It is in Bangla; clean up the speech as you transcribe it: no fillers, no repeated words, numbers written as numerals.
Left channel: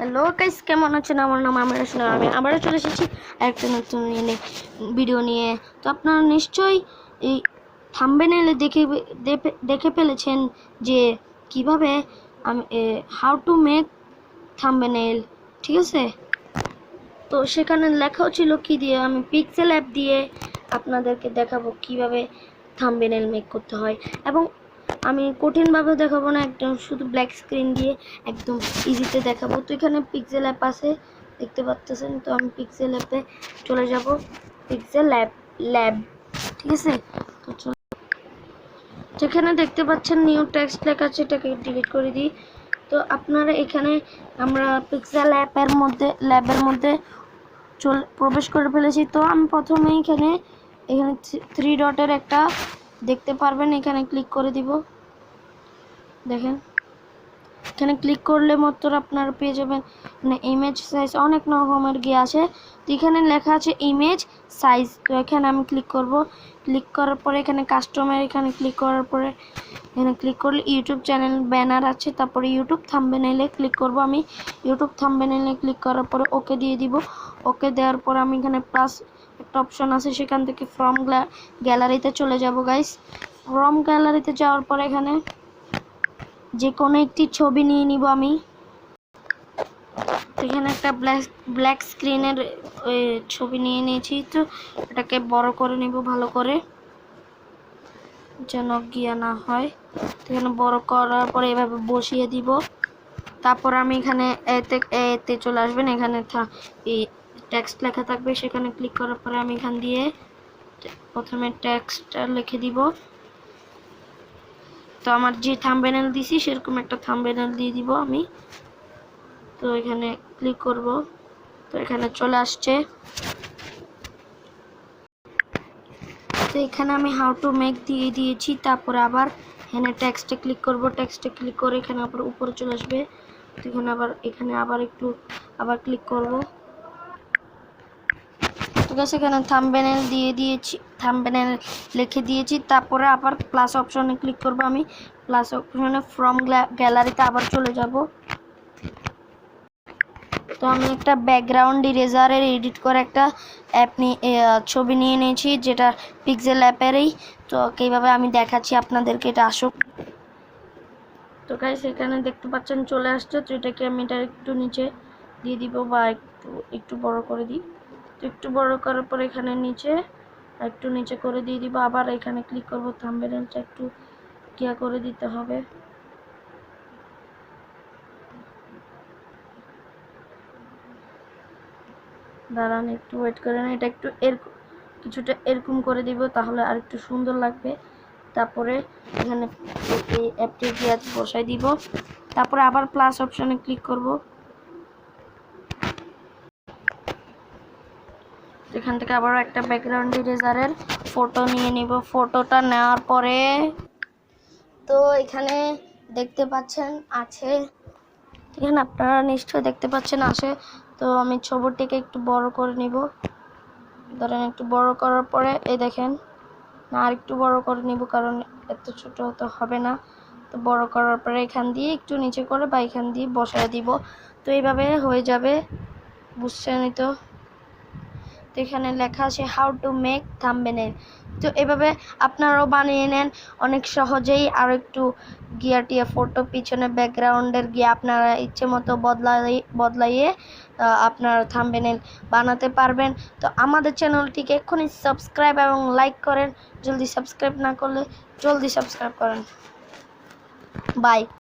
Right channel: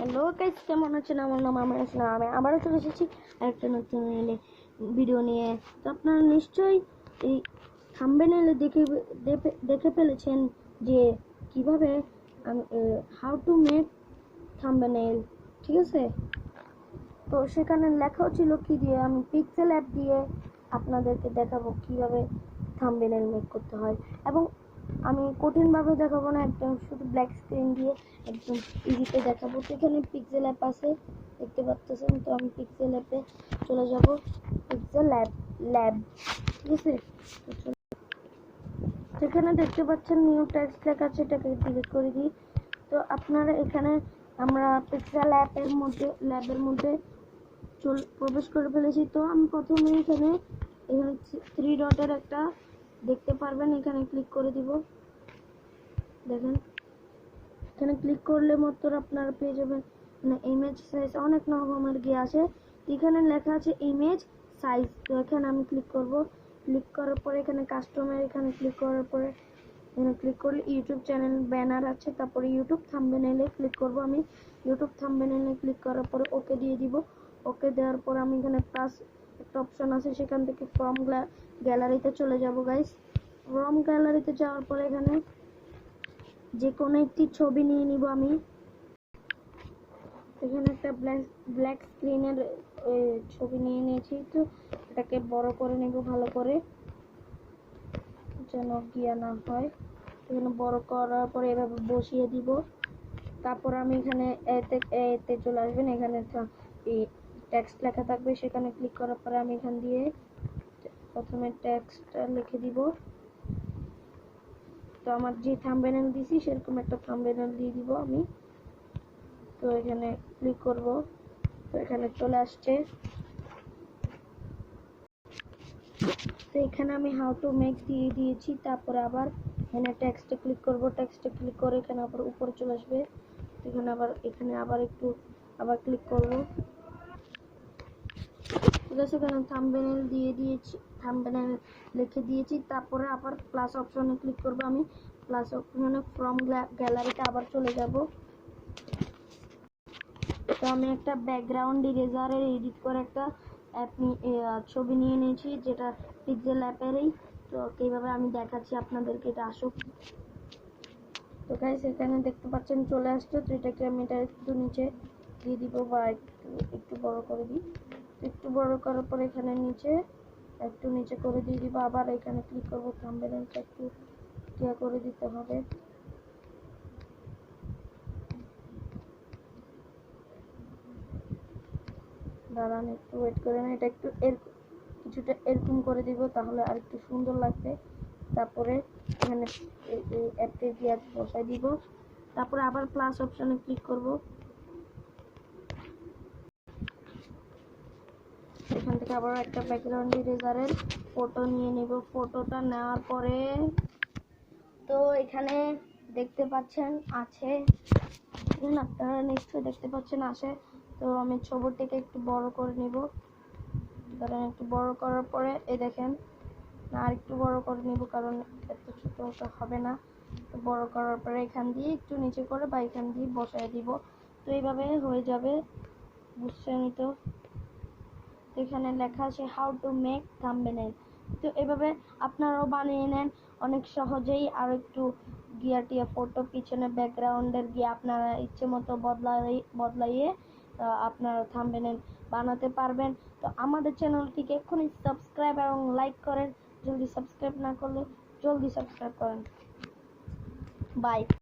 হ্যালো গাইস, কেমন আছেন? আমার নাম আমির হোসেন। আমি আবারও চলে এসেছি একটা নতুন ভিডিও নিয়ে। তো আপনারা নিশ্চয়ই এই থাম্বনেইলে দেখে ফেলেছেন যে কিভাবে আমি হাউ টু মেক থাম্বনেইল, ঠিক আছে? তো সেখানে লেখাও ছিল কি দিয়ে, আমি পিক্সেল অ্যাপ দিয়ে আপনাদেরকে দেখাবো কিভাবে থাম্বনেইল মেক করতে হয়। এবং আমি কঠিনভাবে দেখাবো না, একদম শুধু ব্ল্যাক স্ক্রিন দিয়ে একদম ইজিতে দেখাবো। তো এখানে পিক্সেল অ্যাপ আছে, দেখতে পাচ্ছেন। তো আমি পিক্সেল অ্যাপে চলে যাব, পিক্সেল ল্যাব, ঠিক আছে? তো যেখানে দেখতে পাচ্ছেন নিউ টেক্সট লেখা আছে, এটাকে ডিলিট করে দিই। তো আপনারা এখানে আমরা পিক্সেল ল্যাবের মধ্যে প্রবেশ করে ফেলেছি। তো আমি প্রথমে এখানে থ্রি ডটের একটা দেখতে পারবেন, এখানে ক্লিক করে দিব। দেখেন এখানে ক্লিক করলে মাত্র আপনারা পেয়ে যাবেন মানে ইমেজ সাইজ, অনেক রকমের গিয়ে আছে। তো এখানে লেখা আছে ইমেজ সাইজ। তো এখানে আমি ক্লিক করব। ক্লিক করার পরে এখানে কাস্টমার, এখানে ক্লিক করার পরে এখানে ক্লিক করলে ইউটিউব চ্যানেল ব্যানার আছে, তারপরে ইউটিউব থাম্বনেইলে ক্লিক করব। আমি ইউটিউব থাম্বনেইলে ক্লিক করার পরে ওকে দিয়ে দিব। ওকে দেওয়ার পর আমি এখানে প্লাস একটা অপশন আছে, সেখান থেকে ফ্রম গ্যালারিতে চলে যাব গাইস। ফ্রম গ্যালারিতে যাওয়ার পরে এখানে যে কোনো একটি ছবি নিয়ে নিব আমি। এখানে একটা ব্ল্যাক স্ক্রিনের ছবি নিয়ে নিয়েছি। তো এটাকে বড় করে নিব ভালো করে, যেন গিয়া না হয়। এখানে বড় করার পরে এভাবে বসিয়ে দিব। তারপর আমি এখানে এতে চলে আসবেন, এখানে এই টেক্সট লেখা থাকবে, সেখানে ক্লিক করার পরে আমি এখান দিয়ে প্রথমে টেক্সটটা লিখে দিব। তো আমার যে থাম্বনেইল দিছি সেরকম একটা থাম্বনেইল দিয়ে দিব আমি। তো এখানে ক্লিক করব। তো এখানে চলে আসছে। তো এখানে আমি হাউ টু মেক দিয়ে দিয়েছি। তারপরে আবার এখানে টেক্সটে ক্লিক করব। টেক্সটে ক্লিক করে এখানে আবার উপরে চলে আসবে। তো এখানে আবার আবার ক্লিক করব। ঠিক আছে, এখানে থাম্বনেইল দিয়ে দিয়েছি, থাম্বনেইল লিখে দিয়েছি। তারপরে আবার প্লাস অপশনে ক্লিক করব। আমি প্লাস অপশনে ফ্রম গ্যালারিতে আবার চলে যাব। তো আমি একটা ব্যাকগ্রাউন্ড ইরেজারের এডিট করে একটা ছবি নিয়ে নিয়েছি, যেটা পিক্সেল অ্যাপেরই। তো কীভাবে আমি দেখাচ্ছি আপনাদেরকে, এটা আসুক। তো গাইস এখানে দেখতে পাচ্ছেন চলে আসছে। তো এটাকে আমি এটা একটু নিচে দিয়ে দিব, বা একটু বড় করে দিই। তো একটু বড় করার পর এখানে একটু নিচে করে দিয়ে দিব। আবার এখানে ক্লিক করব, থাম্বনেইলটা একটু কিয়া করে দিতে হবে। দাঁড়ান, একটু ওয়েট করে না, এটা একটু কিছুটা এরকম করে দিব, তাহলে আর একটু সুন্দর লাগবে। তারপরে এখানে এই অ্যাপটি দিয়ে বসাই দিব। তারপরে আবার প্লাস অপশনে ক্লিক করব। এখান থেকে আবার একটা ব্যাকগ্রাউন্ড ইরেজারের ফটো নিয়ে নিব। ফটোটা নেওয়ার পরে তো এখানে দেখতে পাচ্ছেন আছে, এখানে আপনারা নিশ্চয়ই দেখতে পাচ্ছেন আছে। তো আমি ছবিটিকে একটু বড় করে নিব। ধরেন একটু বড় করার পরে এই দেখেন, না আর একটু বড় করে নিব, কারণ এত ছোট তো হবে না। তো বড় করার পরে এখান দিয়ে একটু নিচে করে বা এখান দিয়ে বসায় দিব। তো এইভাবে হয়ে যাবে, বুঝছেনই তো। এখানে লেখা আছে হাউ টু মেক থাম্বনেইল। তো এভাবে আপনারাও বানিয়ে নেন অনেক সহজেই। আর একটু গিয়াটিয়া ফটো পিছনে ব্যাকগ্রাউন্ডের গিয়ে আপনারা ইচ্ছে মতো বদলাইয়ে আপনার থাম্বনেইল বানাতে পারবেন। তো আমাদের চ্যানেলটিকে এক্ষুনি সাবস্ক্রাইব এবং লাইক করেন। জলদি সাবস্ক্রাইব না করলে জলদি সাবস্ক্রাইব করেন। বাই।